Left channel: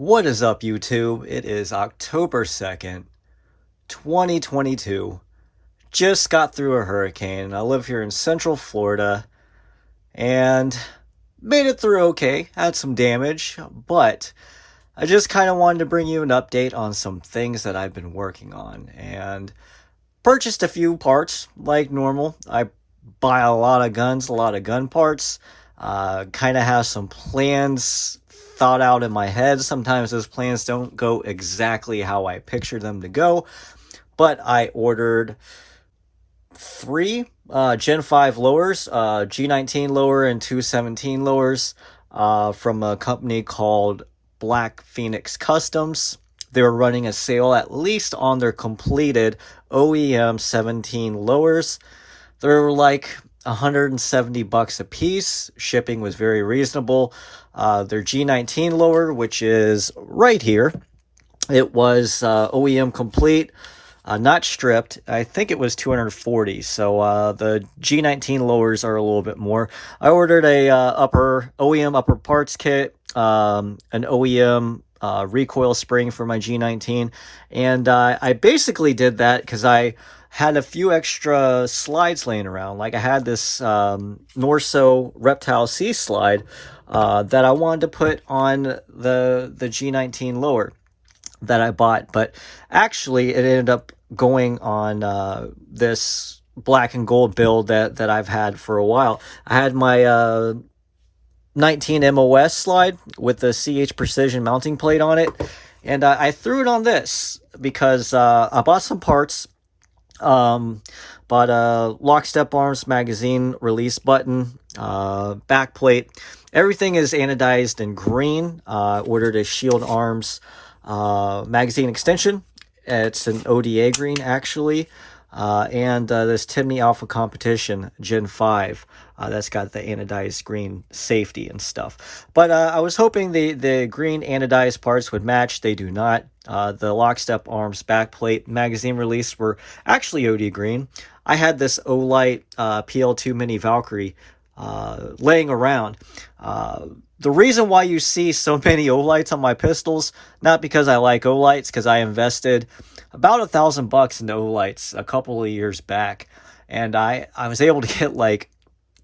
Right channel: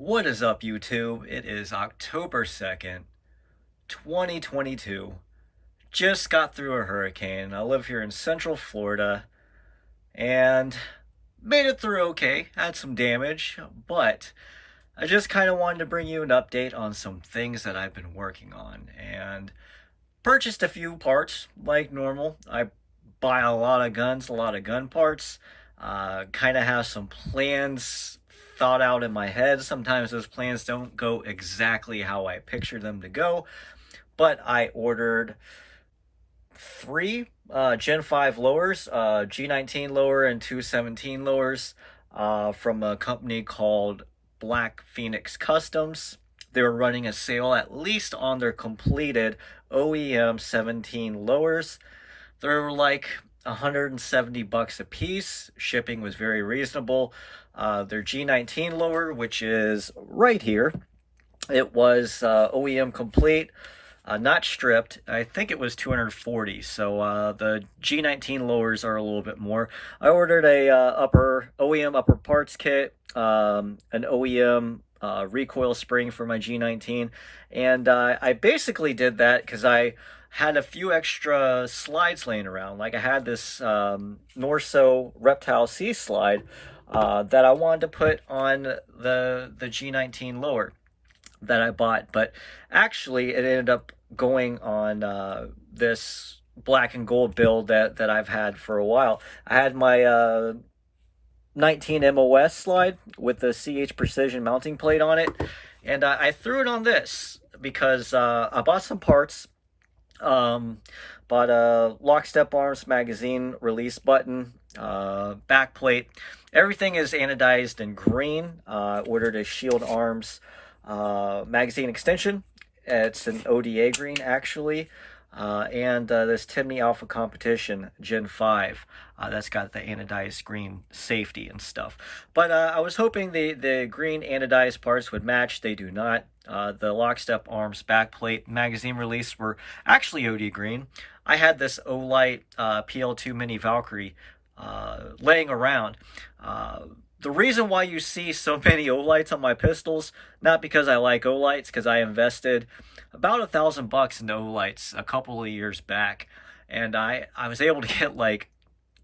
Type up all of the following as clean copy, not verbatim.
What is up, YouTube? It is October 2nd, 2022. Just got through a hurricane. I live here in Central Florida and made it through okay. Had some damage, but I just kind of wanted to bring you an update on some things that I've been working on and purchased a few parts like normal. I buy a lot of guns, a lot of gun parts. Kind of have some plans thought out in my head. Sometimes those plans don't go exactly how I picture them to go, but I ordered three Gen 5 lowers, G19 lower and 217 lowers from a company called Black Phoenix Customs. They're running a sale at least on their completed OEM 17 lowers. They're like $170 a piece. Shipping was very reasonable. Their G19 lower, which is right here, it was OEM complete, not stripped. I think it was 240. So the G19 lowers are a little bit more. I ordered a OEM upper parts kit, an OEM recoil spring for my G19, and I basically did that because I had a few extra slides laying around. Like I had this Norso Reptile C slide that I wanted to put on the G19 lower that I bought, but actually it ended up going on this black and gold build that I've had for a while. I had my 19 MOS slide with the CH Precision mounting plate on it, and I threw it on this because I bought some parts. Bought a lockstep arms magazine release button, back plate. Everything is anodized in green. Ordered a shield arms magazine extension. It's an ODA green actually. And this Timney Alpha Competition Gen 5 that's got the anodized green safety and stuff. But I was hoping the green anodized parts would match. They do not. The lockstep arms backplate magazine release were actually OD green. I had this Olight PL2 Mini Valkyrie laying around. The reason why you see so many Olights on my pistols, not because I like Olights, because I invested about $1,000 into Olights a couple of years back, and I was able to get like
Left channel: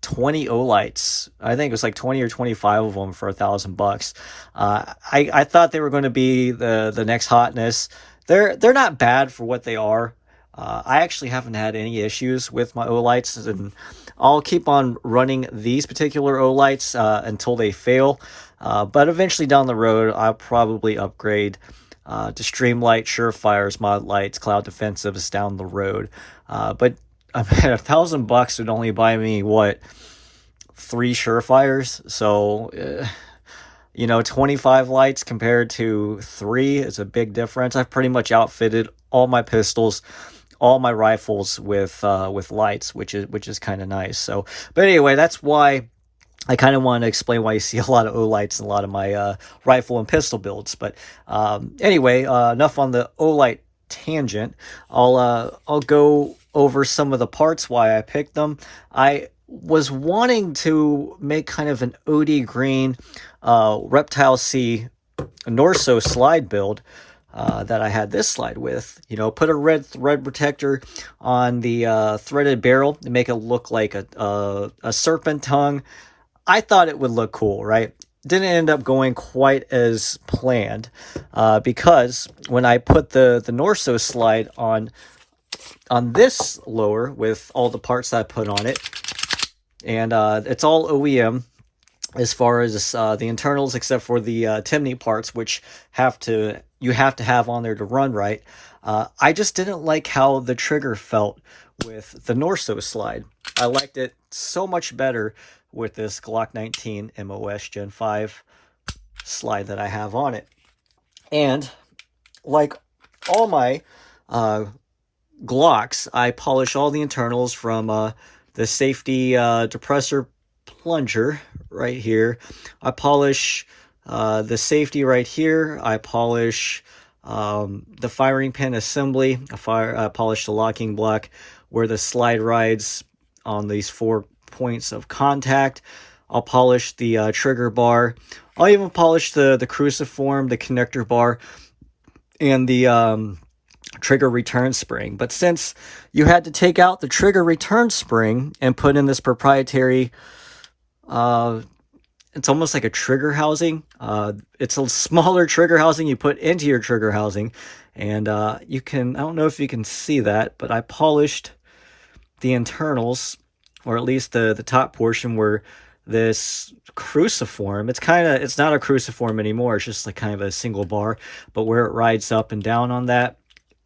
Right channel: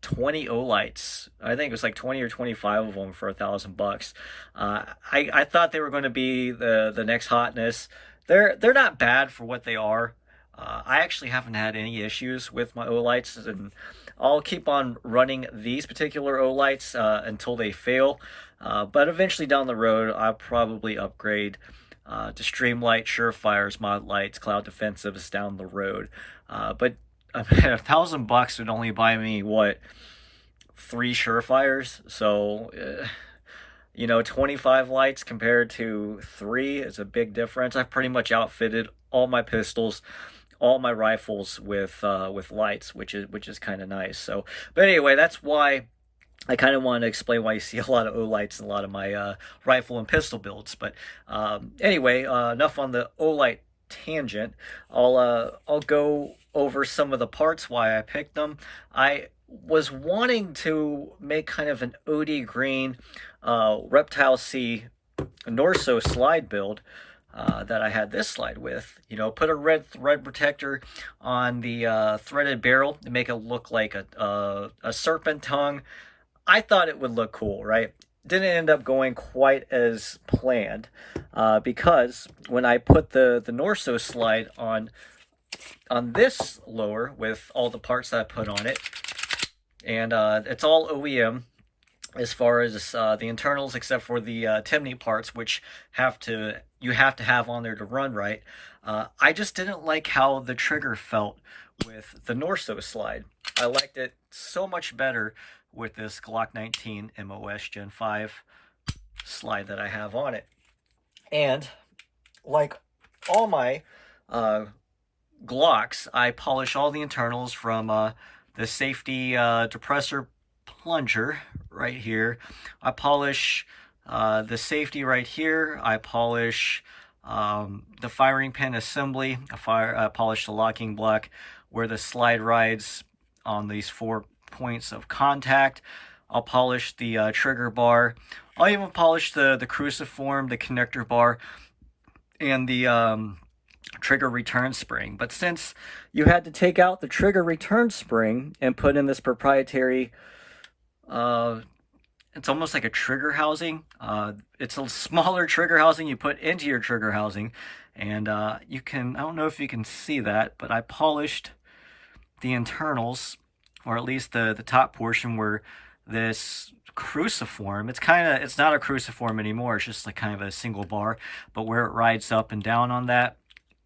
20 Olights. I think it was like 20 or 25 of them for $1,000. I thought they were going to be the next hotness. They're not bad for what they are. I actually haven't had any issues with my Olights, and I'll keep on running these particular Olights until they fail. But eventually down the road, I'll probably upgrade to Streamlight, Surefires, Mod Lights, Cloud Defensives down the road. But I mean, $1,000 would only buy me, what, 3 Surefires? So, 25 lights compared to 3 is a big difference. I've pretty much outfitted all my pistols, all my rifles with lights, which is kind of nice. So, but anyway, that's why I kind of want to explain why you see a lot of Olights in a lot of my rifle and pistol builds. But anyway, enough on the Olight tangent. I'll go over some of the parts, why I picked them. I was wanting to make kind of an OD green Reptile C Norso slide build that I had this slide with. Put a red thread protector on the threaded barrel to make it look like a serpent tongue. I thought it would look cool, right? Didn't end up going quite as planned because when I put the Norso slide on this lower with all the parts that I put on it, and it's all OEM as far as the internals, except for the Timney parts, which you have to have on there to run right. I just didn't like how the trigger felt with the Norso slide. I liked it so much better with this Glock 19 MOS Gen 5 slide that I have on it. And like all my Glocks, I polish all the internals from the safety depressor plunger right here. I polish the safety right here. I polish the firing pin assembly. I polish the locking block where the slide rides on these 4 points of contact. I'll polish the trigger bar, I'll even polish the cruciform, the connector bar, and the trigger return spring. But since you had to take out the trigger return spring and put in this proprietary, it's almost like a trigger housing. It's a smaller trigger housing you put into your trigger housing. And you can, I don't know if you can see that, but I polished the internals, or at least the top portion where this cruciform, it's not a cruciform anymore, it's just like kind of a single bar, but where it rides up and down on that,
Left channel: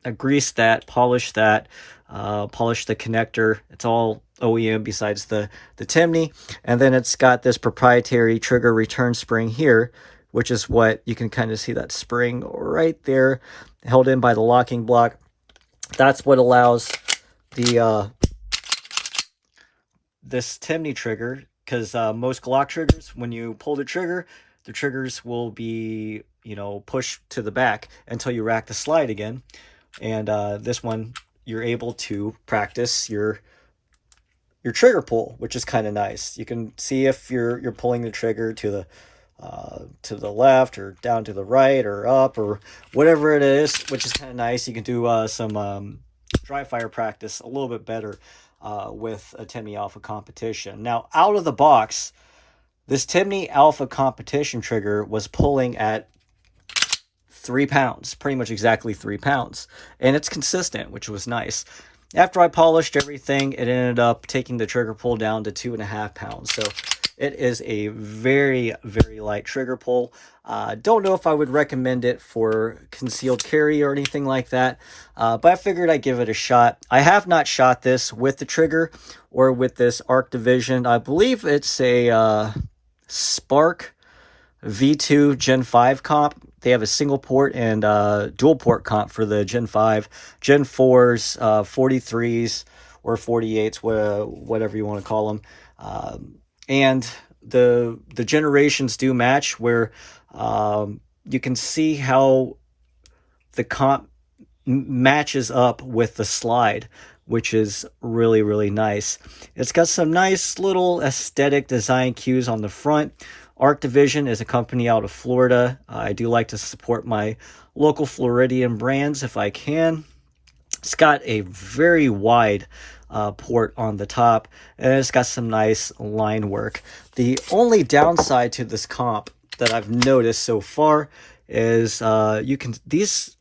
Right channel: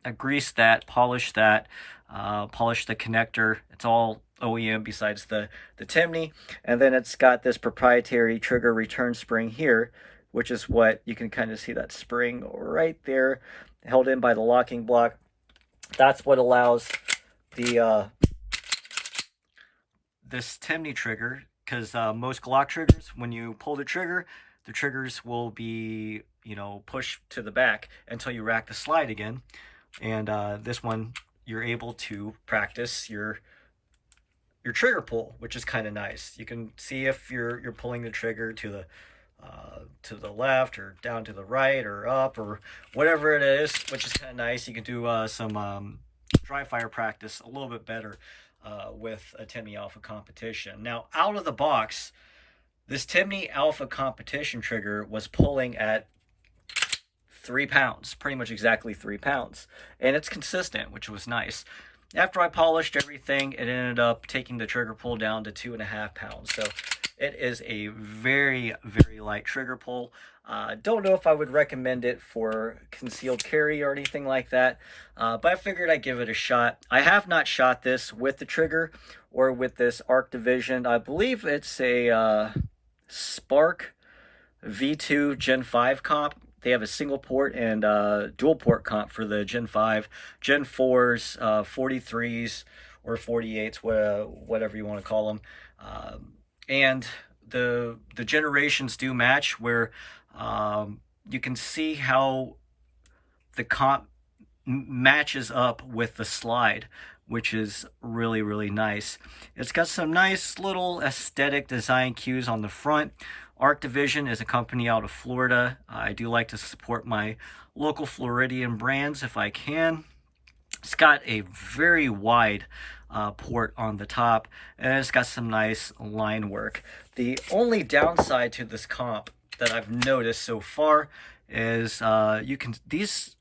I greased that, polished that, polished the connector. It's all OEM besides the Timney. And then it's got this proprietary trigger return spring here, which is what you can kind of see that spring right there held in by the locking block. That's what allows the this Timney trigger, because most Glock triggers, when you pull the triggers will be, you know, pushed to the back until you rack the slide again. And this one, you're able to practice your trigger pull, which is kind of nice. You can see if you're pulling the trigger to the left or down to the right or up or whatever it is, which is kind of nice. You can do some dry fire practice a little bit better with a Timney Alpha Competition. Now, out of the box, this Timney Alpha Competition trigger was pulling at 3 pounds, pretty much exactly 3 pounds. And it's consistent, which was nice. After I polished everything, it ended up taking the trigger pull down to 2.5 pounds. So it is a very, very light trigger pull. Don't know if I would recommend it for concealed carry or anything like that, but I figured I'd give it a shot. I have not shot this with the trigger or with this Arc Division. I believe it's a Spark V2 Gen 5 comp. They have a single port and dual port comp for the Gen 5, Gen 4s, 43s, or 48s, whatever you want to call them. And the generations do match, where you can see how the comp matches up with the slide, which is really, really nice. It's got some nice little aesthetic design cues on the front. Arc Division is a company out of Florida. I do like to support my local Floridian brands if I can. It's got a very wide port on the top, and it's got some nice line work. The only downside to this comp that I've noticed so far is these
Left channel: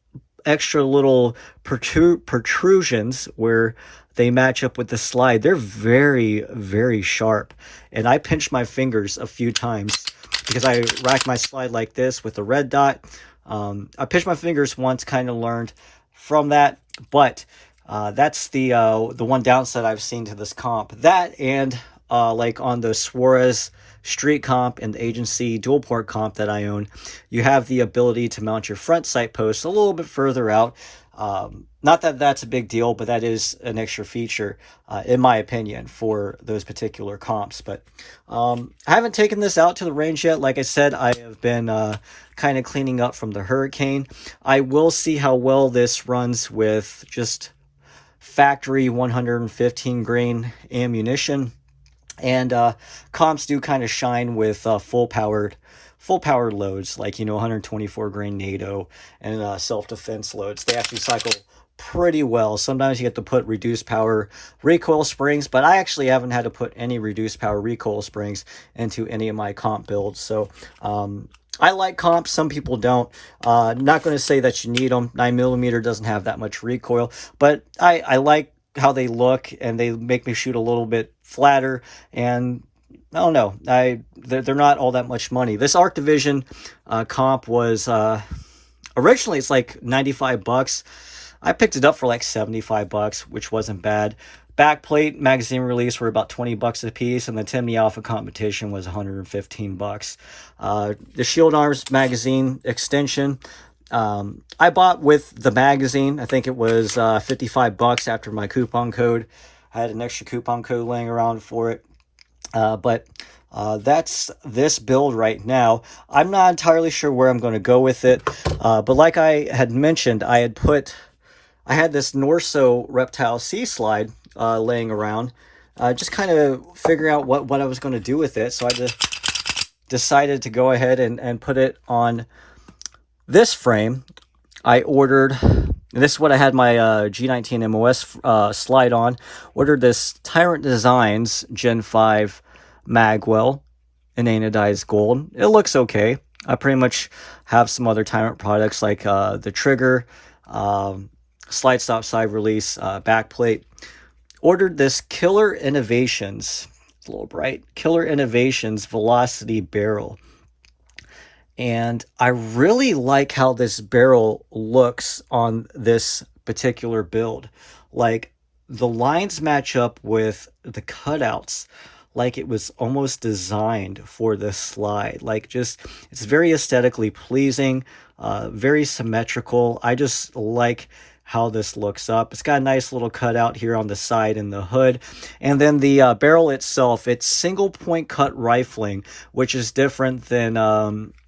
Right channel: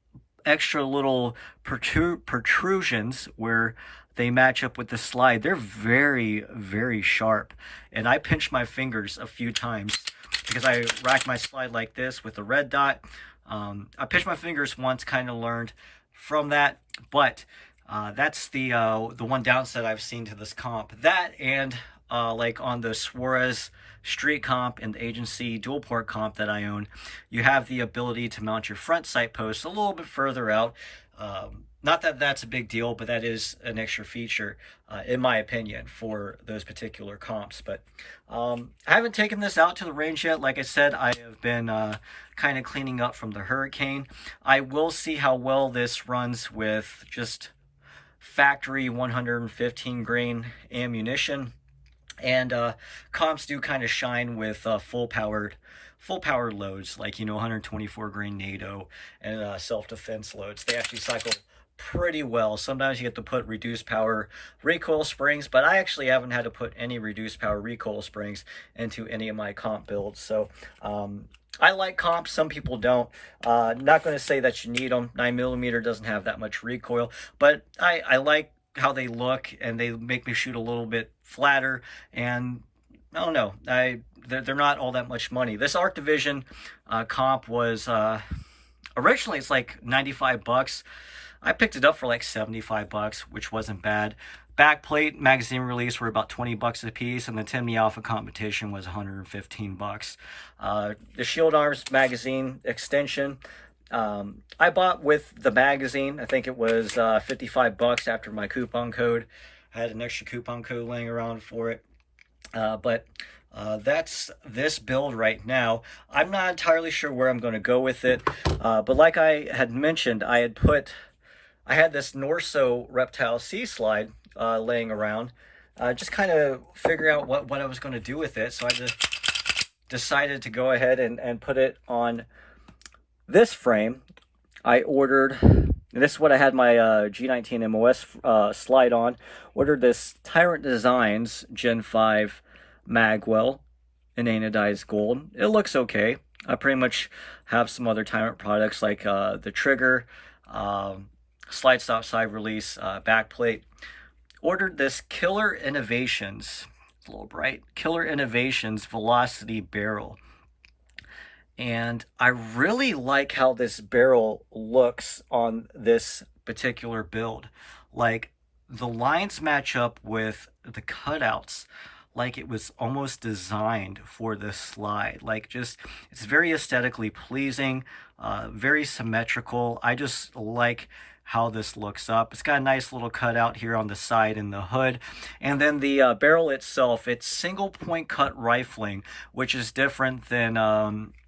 extra little protrusions where they match up with the slide, they're very, very sharp. And I pinched my fingers a few times because I racked my slide like this with a red dot. I pinched my fingers once, kind of learned from that, but that's the one downside I've seen to this comp. That and like on the Suarez Street comp and the Agency dual port comp that I own, you have the ability to mount your front sight posts a little bit further out. Not that that's a big deal, but that is an extra feature, in my opinion, for those particular comps. But I haven't taken this out to the range yet. Like I said, I have been kind of cleaning up from the hurricane. I will see how well this runs with just factory 115 grain ammunition. And comps do kind of shine with full powered loads, like, 124 grain NATO and self-defense loads. They actually cycle pretty well. Sometimes you have to put reduced power recoil springs, but I actually haven't had to put any reduced power recoil springs into any of my comp builds. So I like comps. Some people don't. Not going to say that you need them. 9mm doesn't have that much recoil, but I like how they look, and they make me shoot a little bit flatter. And I don't know, they're not all that much money. This Arc Division comp was originally, it's like $95. I picked it up for like $75, which wasn't bad. Backplate, magazine release were about $20 a piece, and the Timney Alpha Competition was $115. The Shield Arms magazine extension, I bought with the magazine. I think it was $55 after my coupon code. I had an extra coupon code laying around for it. But that's this build right now. I'm not entirely sure where I'm going to go with it. But like I had mentioned, I had this Norso Reptile Sea Slide laying around. Just kind of figuring out what I was going to do with it. So I had to decided to go ahead and put it on this frame. I ordered, and this is what I had my G19 MOS slide on. Ordered this Tyrant Designs Gen 5 magwell in anodized gold. It looks okay. I pretty much have some other Tyrant products like the trigger, slide stop side release, back plate. Ordered this Killer Innovations, it's a little bright, Killer Innovations Velocity barrel. And I really like how this barrel looks on this particular build. Like, the lines match up with the cutouts, like it was almost designed for this slide. Like, just, it's very aesthetically pleasing, very symmetrical. I just like how this looks up. It's got a nice little cutout here on the side in the hood. And then the barrel itself, it's single point cut rifling, which is different than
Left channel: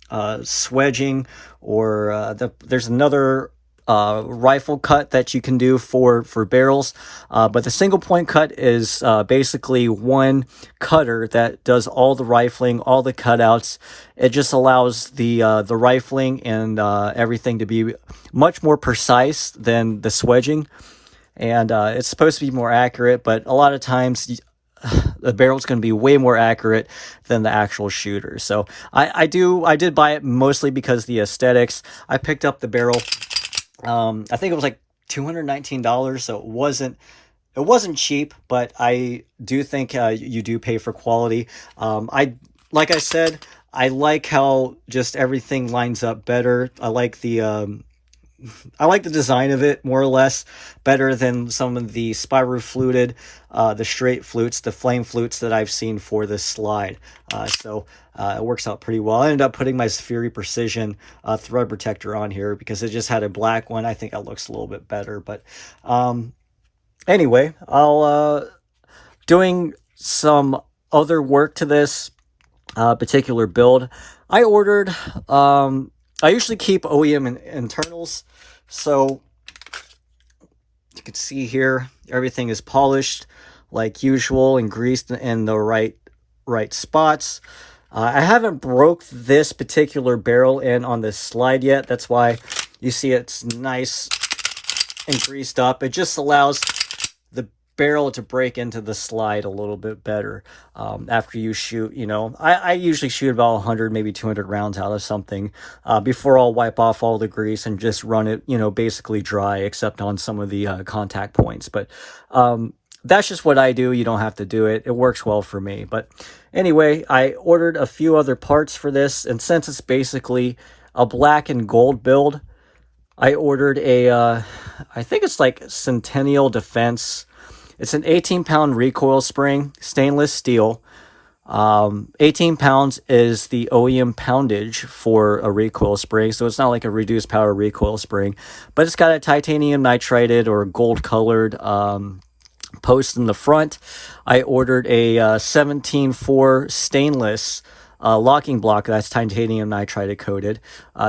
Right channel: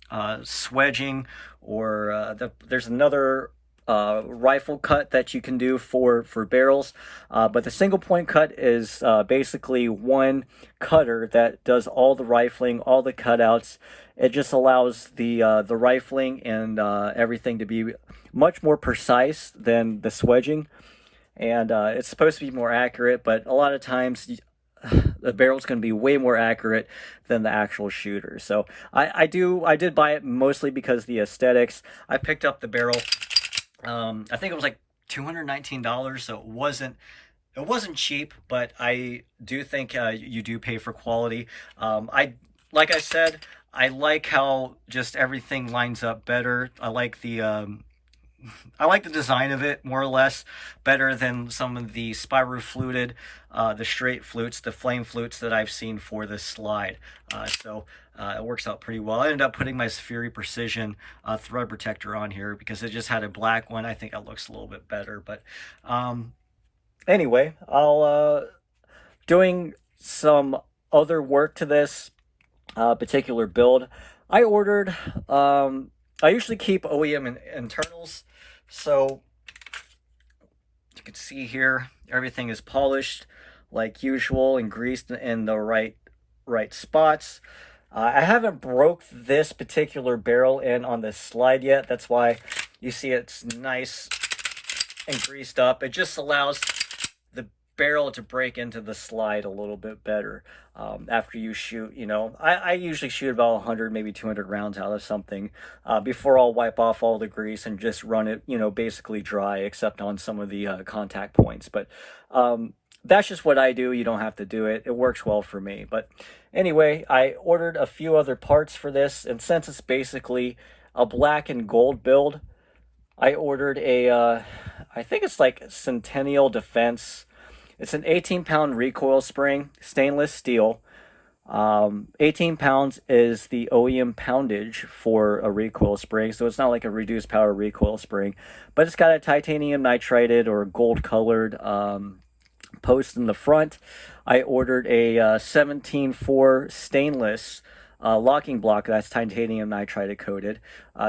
swedging, or there's another rifle cut that you can do for barrels, but the single point cut is basically one cutter that does all the rifling, all the cutouts. It just allows the rifling and everything to be much more precise than the swedging, and it's supposed to be more accurate, but a lot of times the barrel's going to be way more accurate than the actual shooter. So I did buy it mostly because the aesthetics. I picked up the barrel, I think it was like $219, so it wasn't cheap, but I do think you do pay for quality. Like I said, I like how just everything lines up better. I like the design of it more or less better than some of the spiral fluted, the straight flutes, the flame flutes that I've seen for this slide. So it works out pretty well. I ended up putting my Fury Precision thread protector on here because it just had a black one. I think that looks a little bit better. But anyway, I'll doing some other work to this particular build. I ordered, I usually keep OEM internals, so you can see here everything is polished like usual and greased in the right spots. I haven't broke this particular barrel in on this slide yet. That's why you see it's nice and greased up. It just allows the barrel to break into the slide a little bit better after you shoot. You know, I usually shoot about 100, maybe 200 rounds out of something before I'll wipe off all the grease and just run it, you know, basically dry, except on some of the contact points. But that's just what I do. You don't have to do it. It works well for me. But anyway, I ordered a few other parts for this, and since it's basically a black and gold build, I ordered a I think it's like Centennial Defense. It's an 18-pound recoil spring, stainless steel. 18 pounds is the OEM poundage for a recoil spring, so it's not like a reduced power recoil spring, but it's got a titanium nitrided or gold colored post in the front. I ordered a 17.4 stainless locking block that's titanium nitride coated.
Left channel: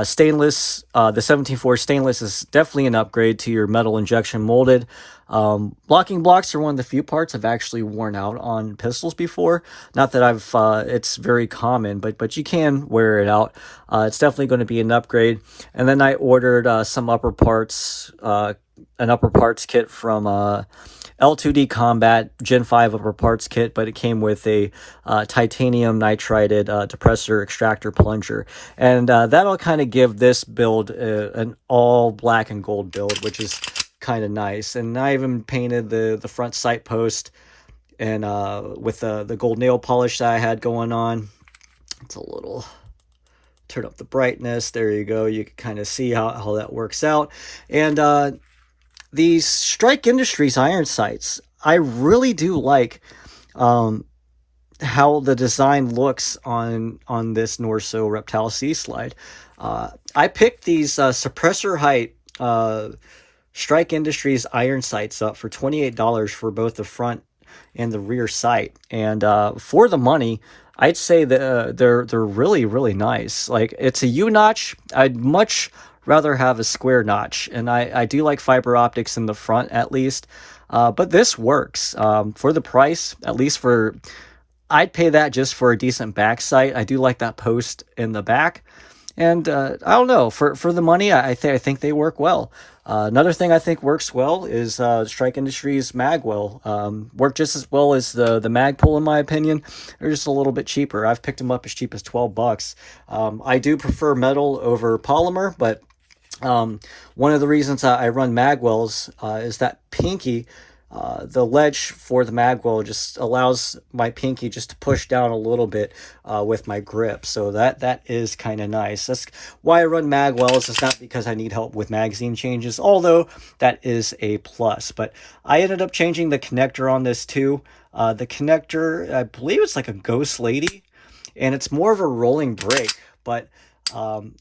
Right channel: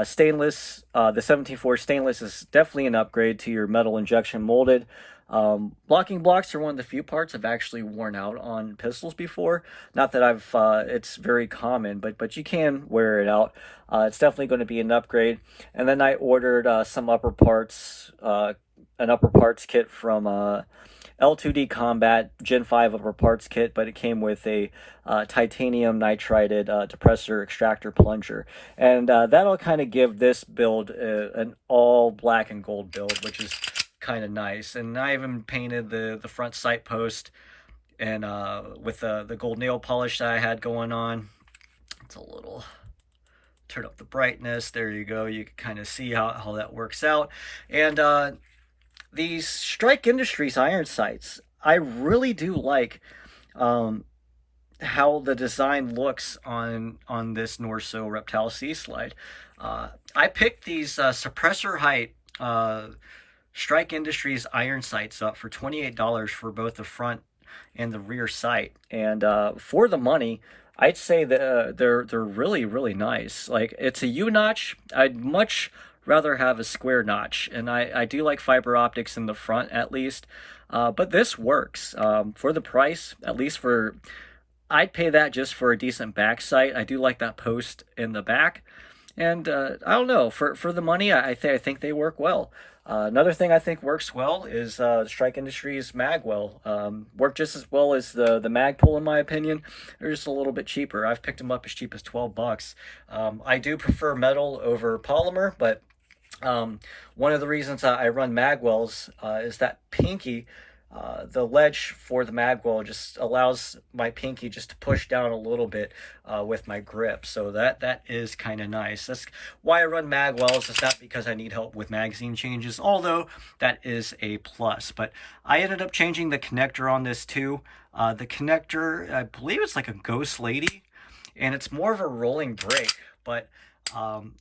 Stainless, the 17.4 stainless is definitely an upgrade to your metal injection molded. Locking blocks are one of the few parts I've actually worn out on pistols before. Not that I've, it's very common, but you can wear it out. It's definitely going to be an upgrade. And then I ordered some upper parts, an upper parts kit from L2D Combat Gen 5 upper parts kit, but it came with a titanium nitrided depressor extractor plunger, and that'll kind of give this build an all black and gold build, which is kind of nice. And I even painted the front sight post and with the gold nail polish that I had going on. It's a little, turn up the brightness, there you go, you can kind of see how that works out. And these Strike Industries iron sights, I really do like how the design looks on this Norso Reptile C slide. I picked these suppressor height Strike Industries iron sights up for $28 for both the front and the rear sight, and for the money, I'd say that they're really, really nice. Like, it's a U-notch. I'd much rather have a square notch, and I do like fiber optics in the front at least, but this works for the price, at least for I'd pay that just for a decent back sight. I do like that post in the back. And I don't know, for the money, I think they work well. Another thing I think works well is Strike Industries Magwell. Work just as well as the Magpul in my opinion. They're just a little bit cheaper. I've picked them up as cheap as $12. I do prefer metal over polymer, but one of the reasons I run Magwells is that pinky, the ledge for the magwell just allows my pinky just to push down a little bit with my grip. So that is kind of nice. That's why I run magwells. It's not because I need help with magazine changes, although that is a plus. But I ended up changing the connector on this too. The connector, I believe it's like a Ghost Lady, and it's more of a rolling brake, but um,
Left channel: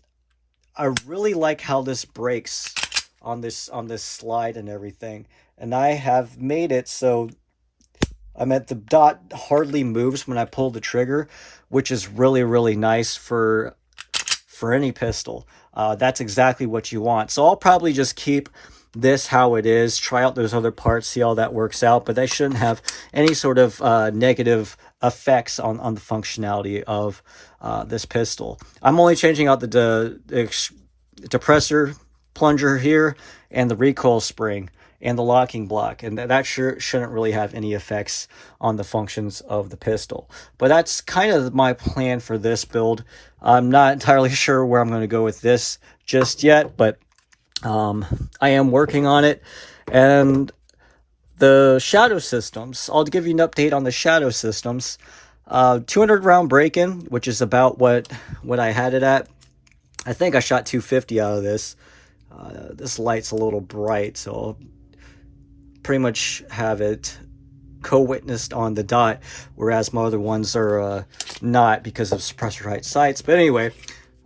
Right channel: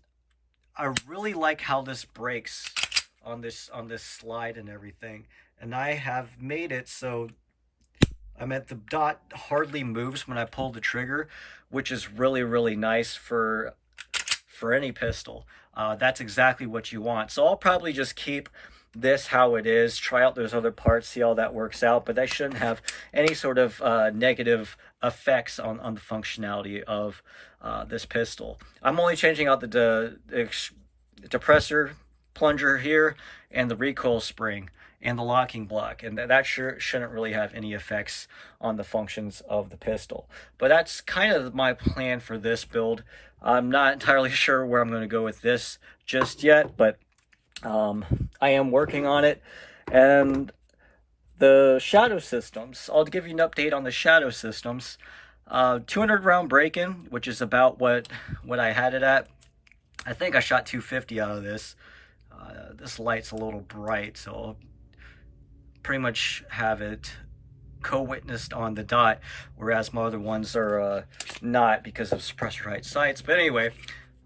I really like how this breaks on this slide and everything. And I have made it so the dot hardly moves when I pull the trigger, which is really nice for any pistol. That's exactly what you want. So I'll probably just keep this how it is, try out those other parts, see how that works out, but that shouldn't have any sort of negative effects on the functionality of this pistol. I'm only changing out the depressor plunger here and the recoil spring and the locking block, and that shouldn't really have any effects on the functions of the pistol. But that's kind of my plan for this build. I'm not entirely sure where I'm going to go with this just yet, but I am working on it. And the shadow systems, I'll give you an update on the shadow systems. 200 round break-in, which is about what I had it at. I think I shot 250 out of this. This light's a little bright, so I'll pretty much have it co-witnessed on the dot, whereas my other ones are not because of suppressor height sights. But anyway,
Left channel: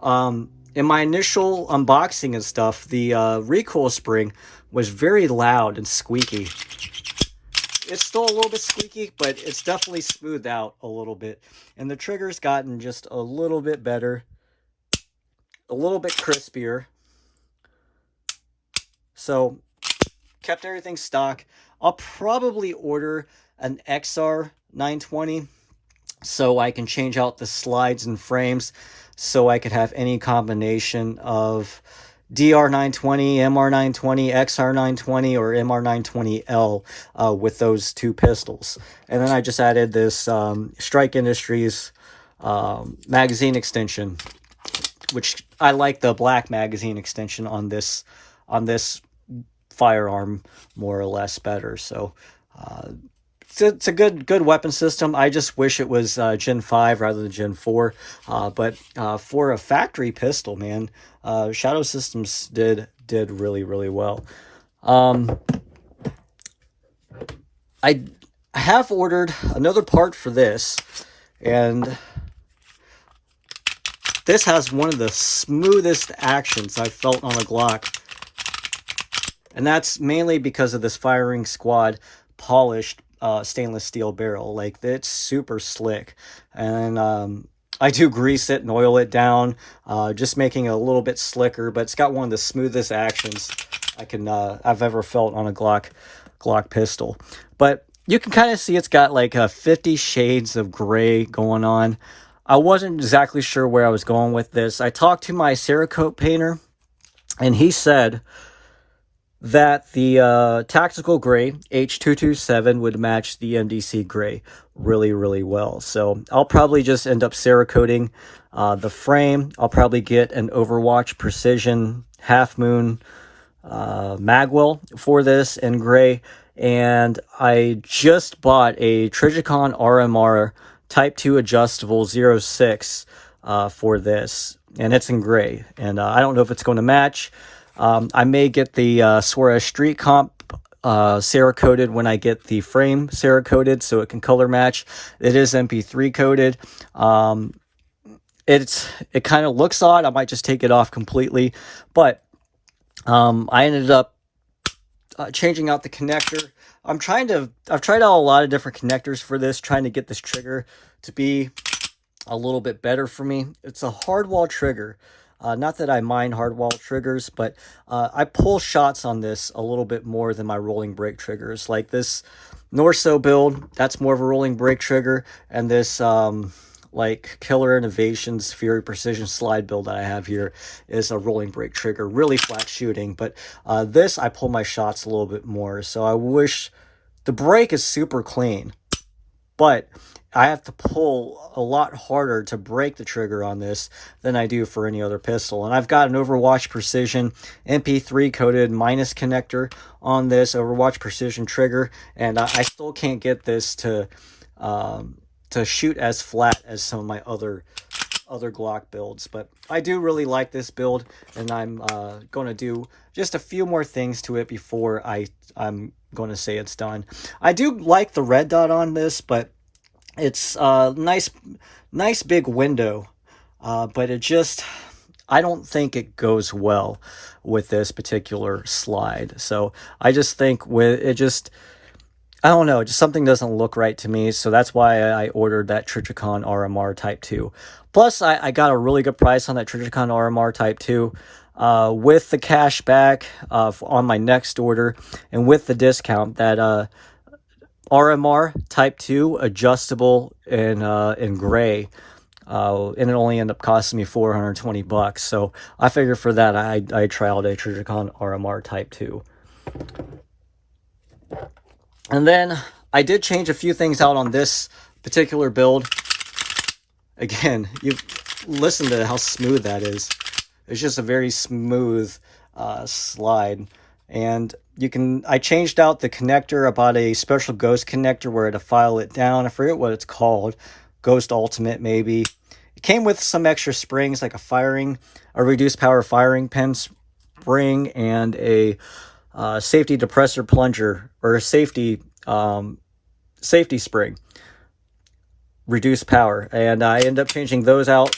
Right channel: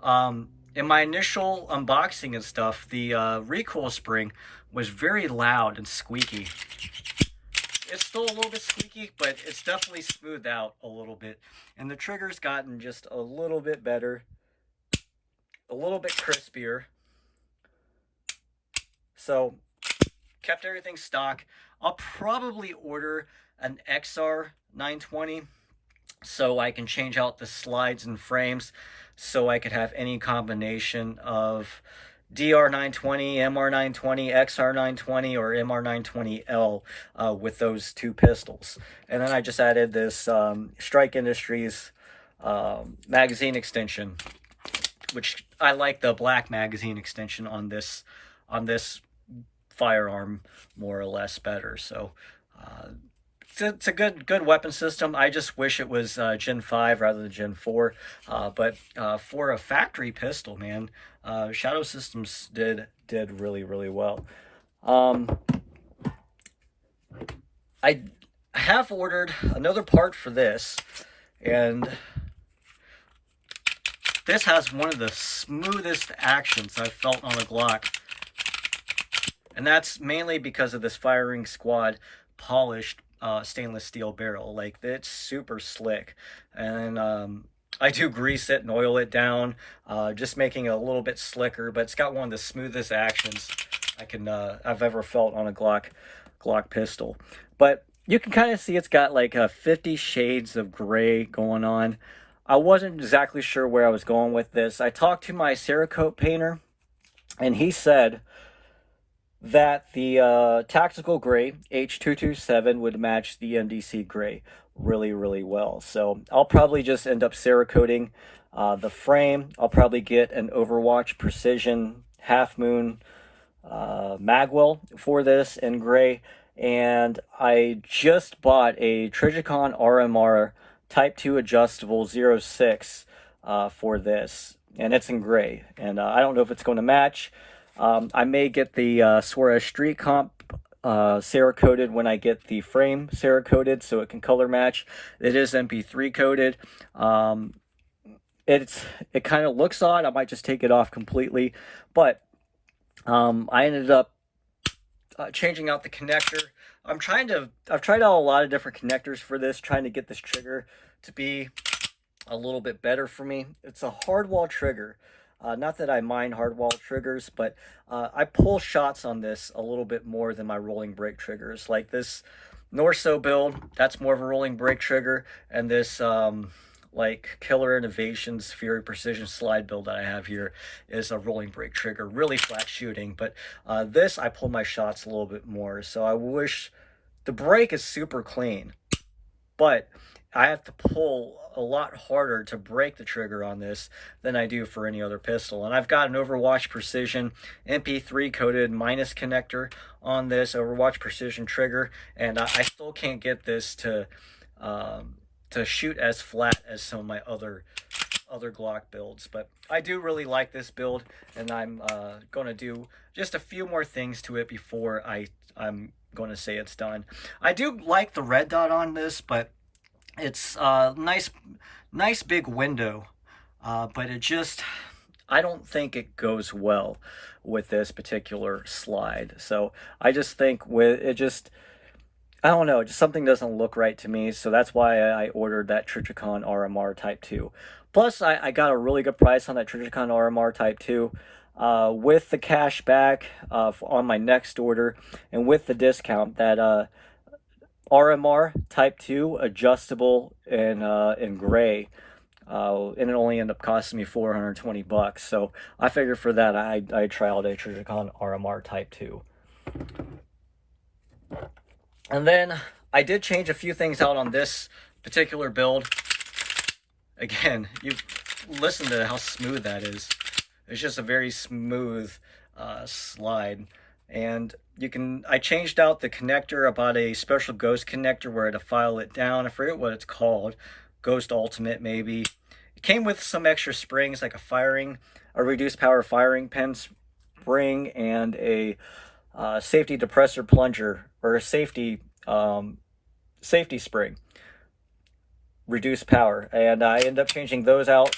in my initial unboxing and stuff, the recoil spring was very loud and squeaky. It's still a little bit squeaky, but it's definitely smoothed out a little bit. And the trigger's gotten just a little bit better, a little bit crispier. So kept everything stock. I'll probably order an XR 920 so I can change out the slides and frames so I could have any combination of DR 920, MR 920, XR 920, or MR 920L with those two pistols. And then I just added this Strike Industries magazine extension, which I like the black magazine extension on this firearm more or less better. So it's a good weapon system. I just wish it was Gen 5 rather than Gen 4. But for a factory pistol, man, Shadow Systems did really well. I have ordered another part for this, and this has one of the smoothest actions I've felt on a Glock. And that's mainly because of this Firing Squad polished stainless steel barrel. Like, it's super slick. And I do grease it and oil it down, just making it a little bit slicker, but it's got one of the smoothest actions I've ever felt on a Glock pistol. But you can kind of see it's got like 50 shades of gray going on. I wasn't exactly sure where I was going with this. I talked to my Cerakote painter, and he said that the tactical gray H227 would match the MDC gray really well. So I'll probably just end up Cerakoting the frame. I'll probably get an Overwatch Precision Half Moon magwell for this in gray. And I just bought a Trijicon RMR Type 2 adjustable 06 for this, and it's in gray. And I don't know if it's going to match. I may get the Suarez Street Comp Cerakoted when I get the frame Cerakoted so it can color match. It is MP3 coated. It kind of looks odd. I might just take it off completely, but I ended up changing out the connector. I've tried out a lot of different connectors for this, trying to get this trigger to be a little bit better for me. It's a hardwall trigger. Not that I mind hardwall triggers, but I pull shots on this a little bit more than my rolling brake triggers. Like this Norso build, that's more of a rolling brake trigger, and this like Killer Innovations Fury Precision slide build that I have here is a rolling brake trigger, really flat shooting. But this, I pull my shots a little bit more, so I wish the brake is super clean, but I have to pull a lot harder to break the trigger on this than I do for any other pistol. And I've got an Overwatch Precision MP3 coated minus connector on this Overwatch Precision trigger, and I still can't get this to shoot as flat as some of my other Glock builds. But I do really like this build, and I'm going to do just a few more things to it before I'm going to say it's done. I do like the red dot on this, but it's a nice big window, but I don't think it goes well with this particular slide. So I just think I don't know, just something doesn't look right to me. So that's why I ordered that Trijicon RMR Type 2. Plus, I got a really good price on that Trijicon RMR Type 2 with the cash back on my next order, and with the discount. That RMR Type 2 adjustable in gray, and it only ended up costing me $420. So I figured for that I trialed a Trijicon RMR Type 2. And then I did change a few things out on this particular build. Again, you listen to how smooth that is. It's just a very smooth slide. And I changed out the connector. I bought a special Ghost connector where to file it down. I forget what it's called. Ghost Ultimate, maybe. It came with some extra springs, like a reduced power firing pin spring, and a safety depressor plunger, or a safety spring, reduced power. And I ended up changing those out.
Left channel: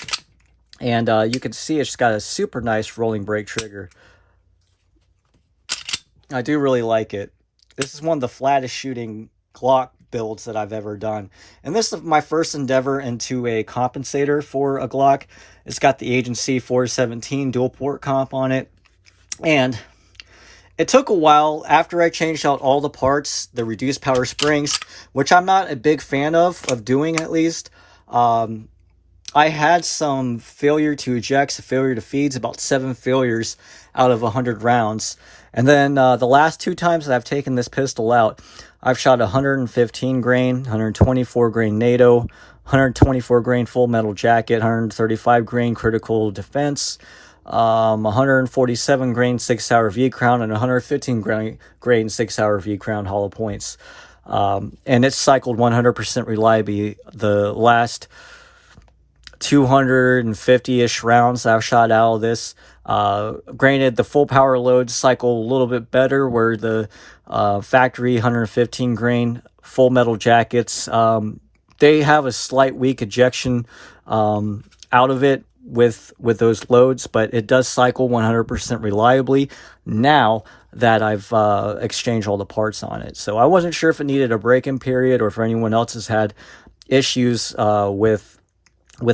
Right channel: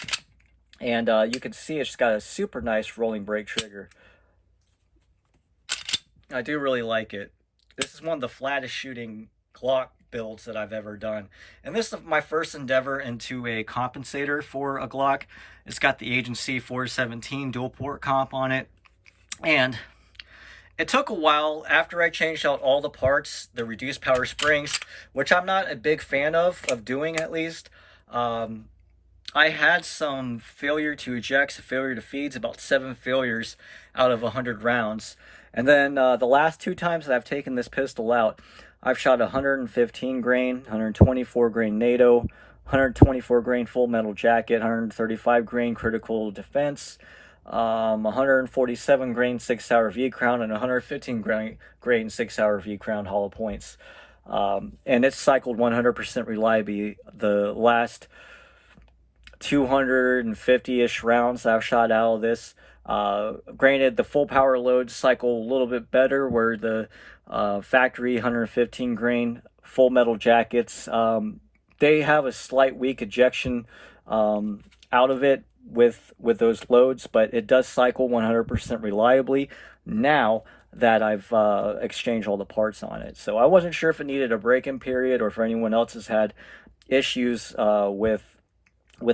And you can see it's got a super nice rolling brake trigger. I do really like it. This is one of the flattest shooting Glock builds that I've ever done. And this is my first endeavor into a compensator for a Glock. It's got the Agency 417 dual port comp on it. And it took a while after I changed out all the parts, the reduced power springs, which I'm not a big fan of doing at least. I had some failure to ejects, failure to feeds, about 7 failures out of 100 rounds. And then the last 2 times that I've taken this pistol out, I've shot 115 grain, 124 grain NATO, 124 grain full metal jacket, 135 grain critical defense, 147 grain 6-hour V crown, and 115 grain 6-hour V crown hollow points. And it's cycled 100% reliably. The last 250-ish rounds I've shot out of this. Granted, the full power loads cycle a little bit better, where the factory 115 grain full metal jackets, they have a slight weak ejection out of it with those loads, but it does cycle 100% reliably now that I've exchanged all the parts on it. So I wasn't sure if it needed a break-in period, or if anyone else has had issues with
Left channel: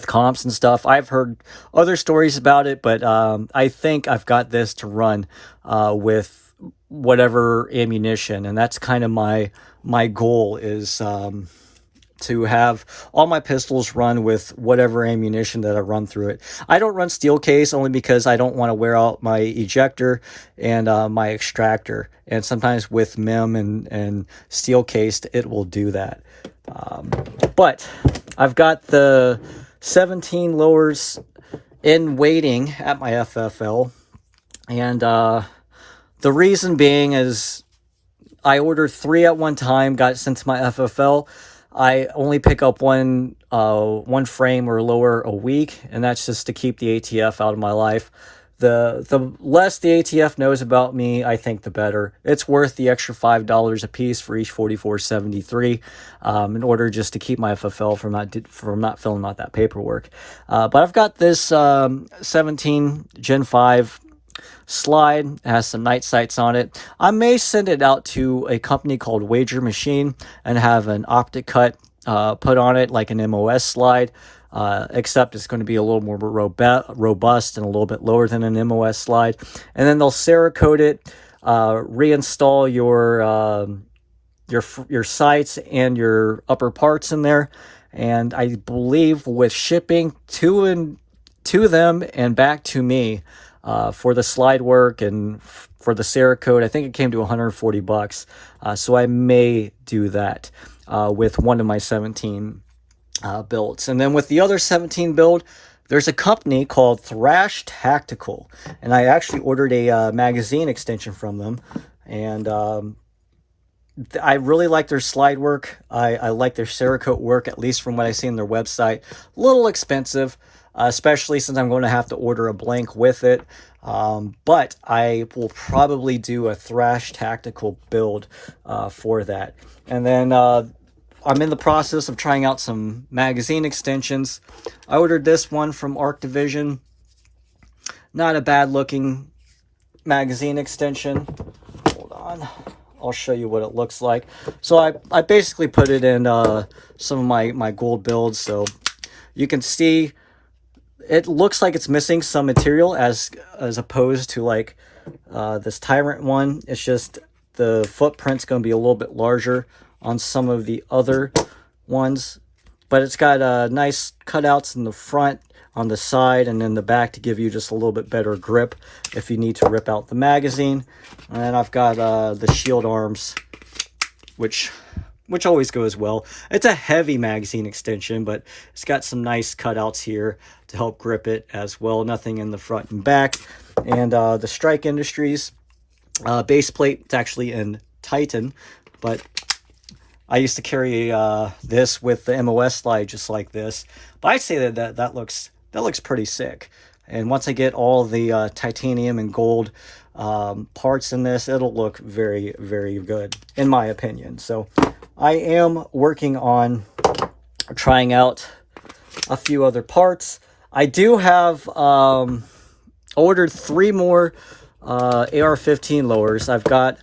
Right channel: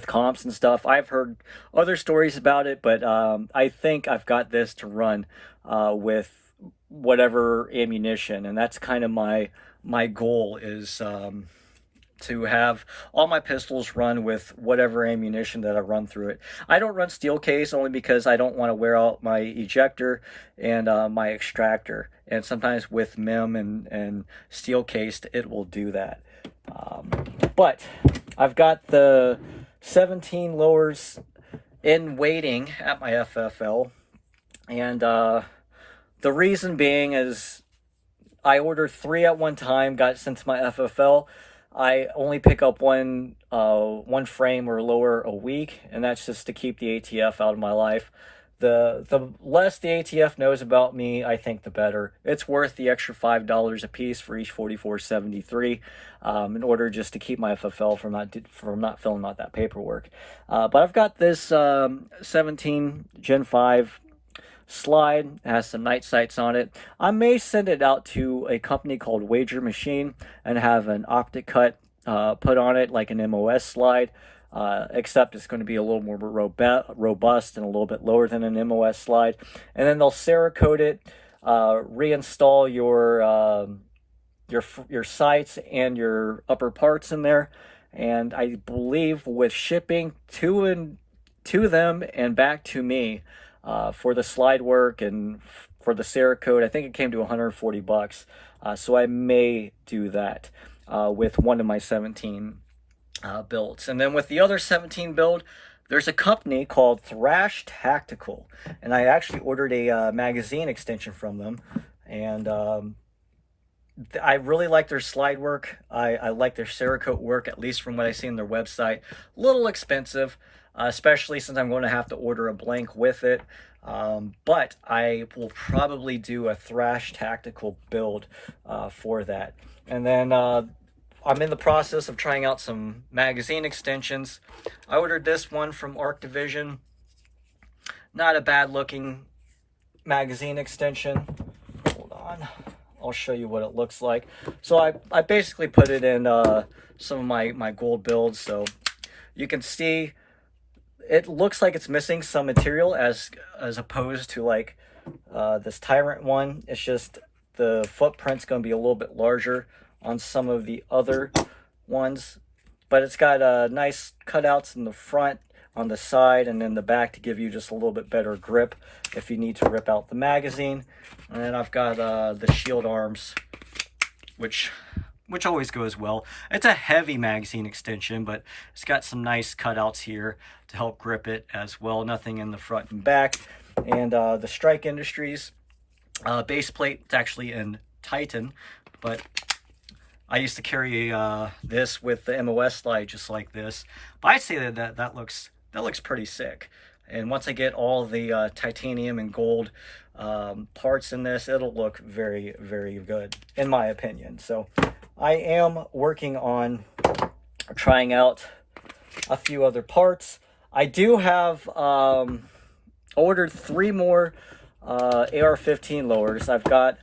comps and stuff. I've heard other stories about it, but I think I've got this to run with whatever ammunition, and that's kind of my goal, is to have all my pistols run with whatever ammunition that I run through it. I don't run steel case, only because I don't want to wear out my ejector and my extractor, and sometimes with MIM and steel cased it will do that. But I've got the 17 lowers in waiting at my FFL, and the reason being is I ordered 3 at one time, got sent to my FFL. I only pick up one frame or lower a week, and that's just to keep the ATF out of my life. The less the ATF knows about me, I think the better. It's worth the extra $5 a piece for each 4473 in order just to keep my FFL from not filling out that paperwork. But I've got this 17 Gen 5 slide. It has some night sights on it. I may send it out to a company called Wager Machine and have an optic cut put on it, like an MOS slide, except it's going to be a little more robust and a little bit lower than an MOS slide. And then they'll Cerakote it, reinstall your your sights and your upper parts in there. And I believe with shipping to them and back to me, for the slide work and for the Cerakote, I think it came to 140 bucks. So I may do that with one of my 17 builds. And then with the other 17 build, there's a company called Thrash Tactical, and I actually ordered a magazine extension from them. And I really like their slide work. I like their Cerakote work, at least from what I see on their website. A little expensive, especially since I'm going to have to order a blank with it. But I will probably do a Thrash Tactical build for that. And then I'm in the process of trying out some magazine extensions. I ordered this one from Arc Division. Not a bad looking magazine extension. Hold on. I'll show you what it looks like. So I basically put it in some of my gold builds. So you can see it looks like it's missing some material as opposed to like this Tyrant one. It's just the footprint's going to be a little bit larger on some of the other ones, but it's got nice cutouts in the front, on the side, and in the back to give you just a little bit better grip if you need to rip out the magazine. And I've got the shield arms, which always goes well. It's a heavy magazine extension, but it's got some nice cutouts here to help grip it as well. Nothing in the front and back. And the Strike Industries base plate, it's actually in Titan, but I used to carry this with the MOS slide just like this. But I'd say that looks pretty sick. And once I get all the titanium and gold parts in this, it'll look very, very good, in my opinion. So I am working on trying out a few other parts. I do have ordered 3 more AR-15 lowers. I've got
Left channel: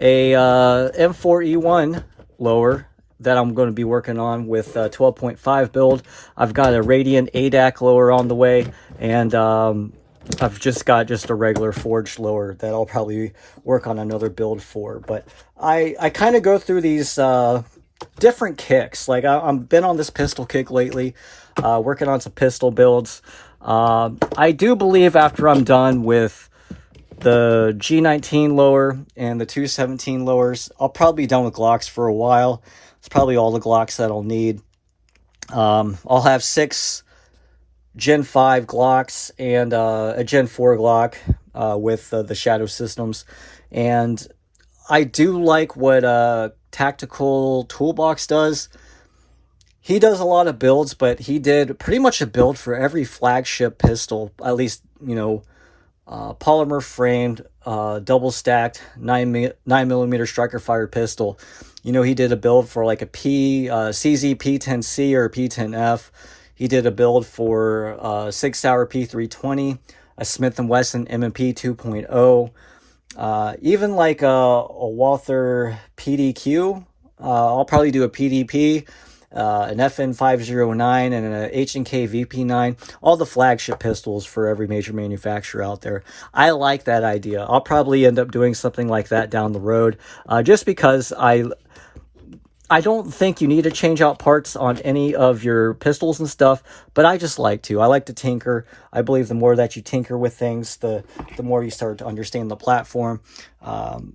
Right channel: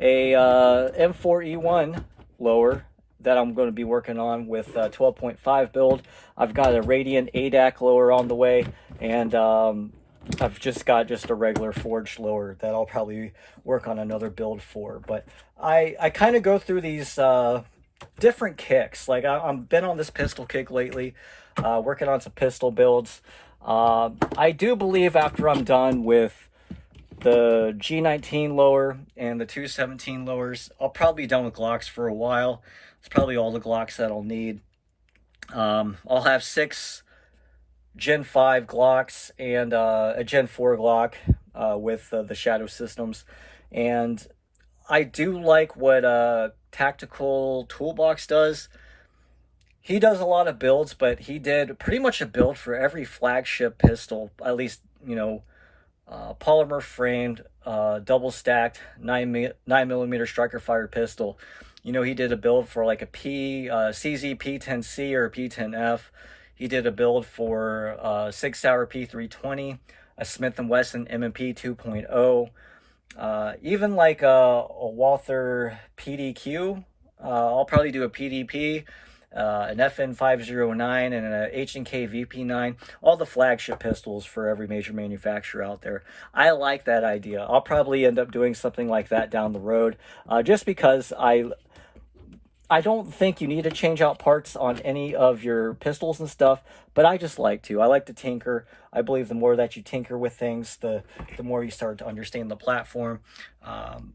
a M4E1 lower that I'm going to be working on with 12.5 build. I've got a Radiant ADAC lower on the way, and I've just got a regular forged lower that I'll probably work on another build for. But I kind of go through these different kicks. Like I've been on this pistol kick lately, working on some pistol builds. I do believe after I'm done with the G19 lower and the 217 lowers, I'll probably be done with Glocks for a while. It's probably all the Glocks that I'll need. I'll have 6 Gen 5 Glocks and a Gen 4 Glock with the Shadow Systems. And I do like what Tactical Toolbox does. He does a lot of builds, but he did pretty much a build for every flagship pistol, at least, you know, polymer framed, double stacked 9mm striker fired pistol. You know, he did a build for like a CZ P10C or a P10F. He did a build for 6 Sauer P320, a Smith & Wesson M&P 2.0, even like a Walther PDQ. I'll probably do a PDP, an FN509, and an H&K VP9, all the flagship pistols for every major manufacturer out there. I like that idea. I'll probably end up doing something like that down the road, just because I don't think you need to change out parts on any of your pistols and stuff, but I just like to. I like to tinker. I believe the more that you tinker with things, the more you start to understand the platform.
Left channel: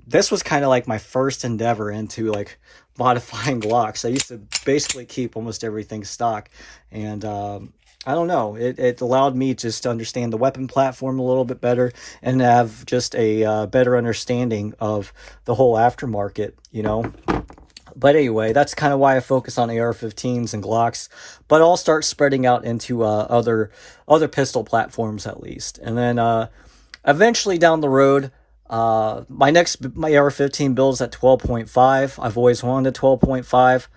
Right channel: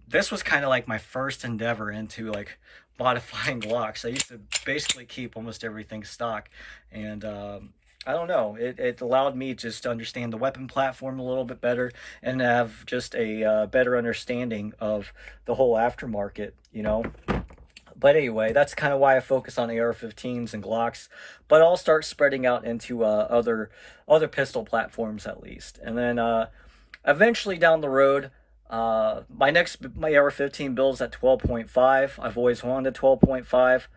This was kind of like my first endeavor into like modifying Glocks. I used to basically keep almost everything stock, and I don't know, it allowed me just to understand the weapon platform a little bit better and have just a better understanding of the whole aftermarket, you know. But anyway, that's kind of why I focus on AR-15s and Glocks, but I'll start spreading out into other pistol platforms at least. And then eventually down the road, my AR-15 builds at 12.5. I've always wanted 12.5.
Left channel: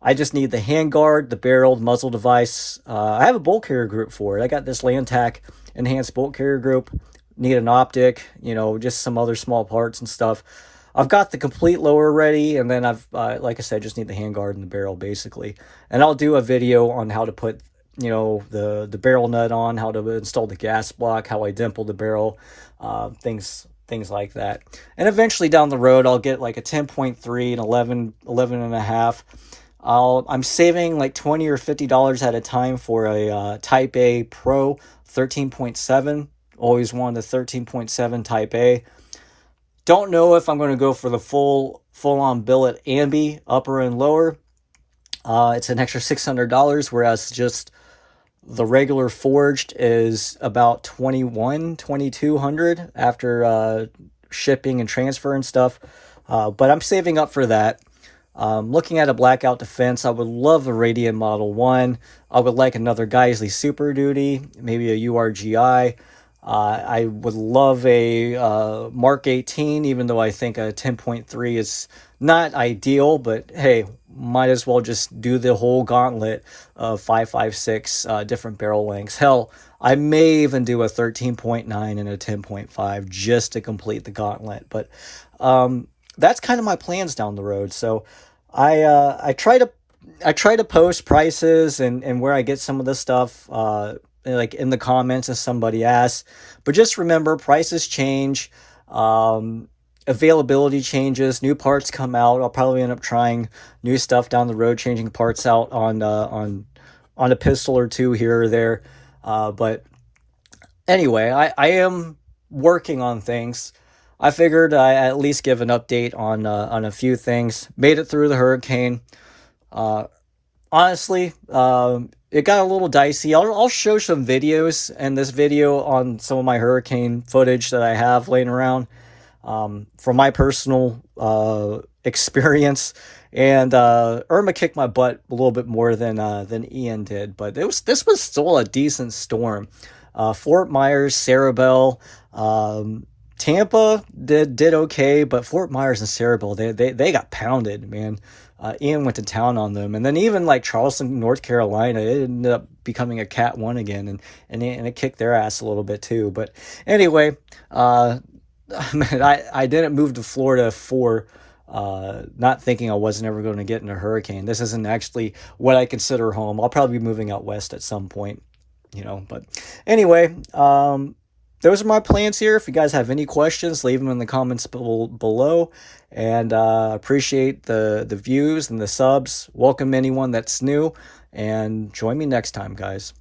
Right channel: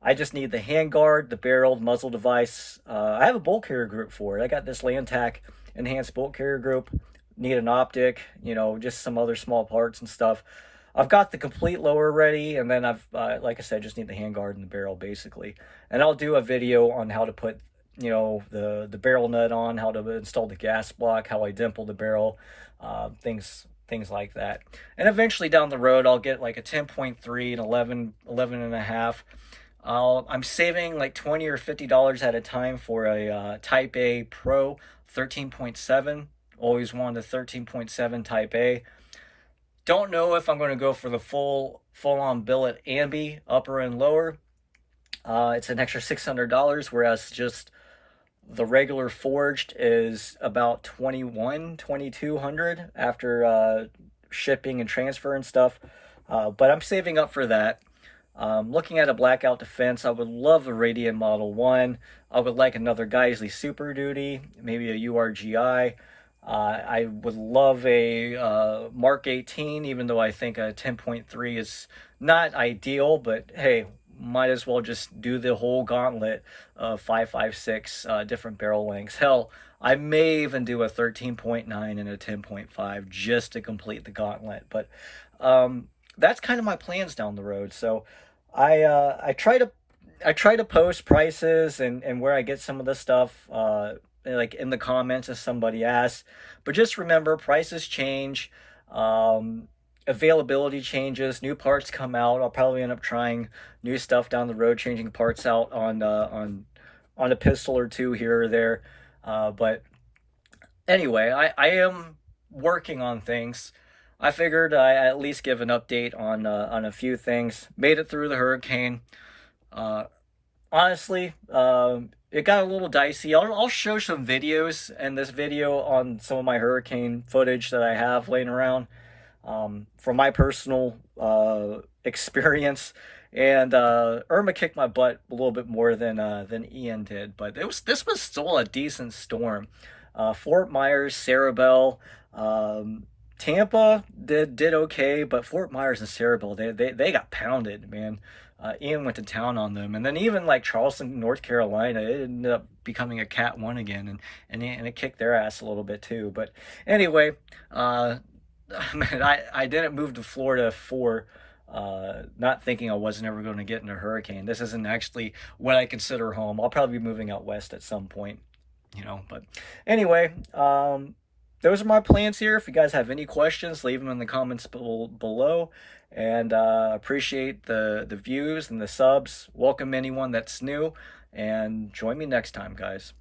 I just need the handguard, the barrel, the muzzle device. I have a bolt carrier group for it. I got this Lantac enhanced bolt carrier group. Need an optic, you know, just some other small parts and stuff. I've got the complete lower ready, and then I've, like I said, just need the handguard and the barrel basically. And I'll do a video on how to put, you know, the barrel nut on, how to install the gas block, how I dimple the barrel, things things like that. And eventually down the road, I'll get like a 10.3 and 11 and a half. I'm saving like $20 or $50 at a time for a Type A Pro 13.7. Always wanted the 13.7 Type A. Don't know if I'm going to go for the full on billet ambi, upper and lower. It's an extra $600, whereas just the regular forged is about 2200 after shipping and transfer and stuff. But I'm saving up for that. Looking at a blackout defense, I would love a Radiant Model 1. I would like another Geisley Super Duty, maybe a URGI. I would love a Mark 18, even though I think a 10.3 is not ideal, but hey, might as well just do the whole gauntlet of 5.56 different barrel lengths. Hell, I may even do a 13.9 and a 10.5 just to complete the gauntlet. But that's kind of my plans down the road. So I try to post prices and where I get some of this stuff like in the comments if somebody asks. But just remember, prices change. Availability changes, new parts come out. I'll probably end up trying new stuff down the road, changing parts out on a pistol or two here or there. But anyway, I am working on things. I figured I at least give an update on a few things. Made it through the hurricane. Honestly, it got a little dicey. I'll show some videos in this video on some of my hurricane footage that I have laying around. From my personal experience, and Irma kicked my butt a little bit more than Ian did, but this was still a decent storm. Fort Myers, Cerebel, Tampa did okay, but Fort Myers and Cerebel they got pounded, man. Ian went to town on them, and then even like Charleston, North Carolina, it ended up becoming a Cat 1 again, and it kicked their ass a little bit too. But anyway, man, I didn't move to Florida for not thinking I wasn't ever going to get in a hurricane. This isn't actually what I consider home. I'll probably be moving out west at some point, But anyway, those are my plans here. If you guys have any questions, leave them in the comments below. And appreciate the views and the subs. Welcome anyone that's new. And join me next time, guys.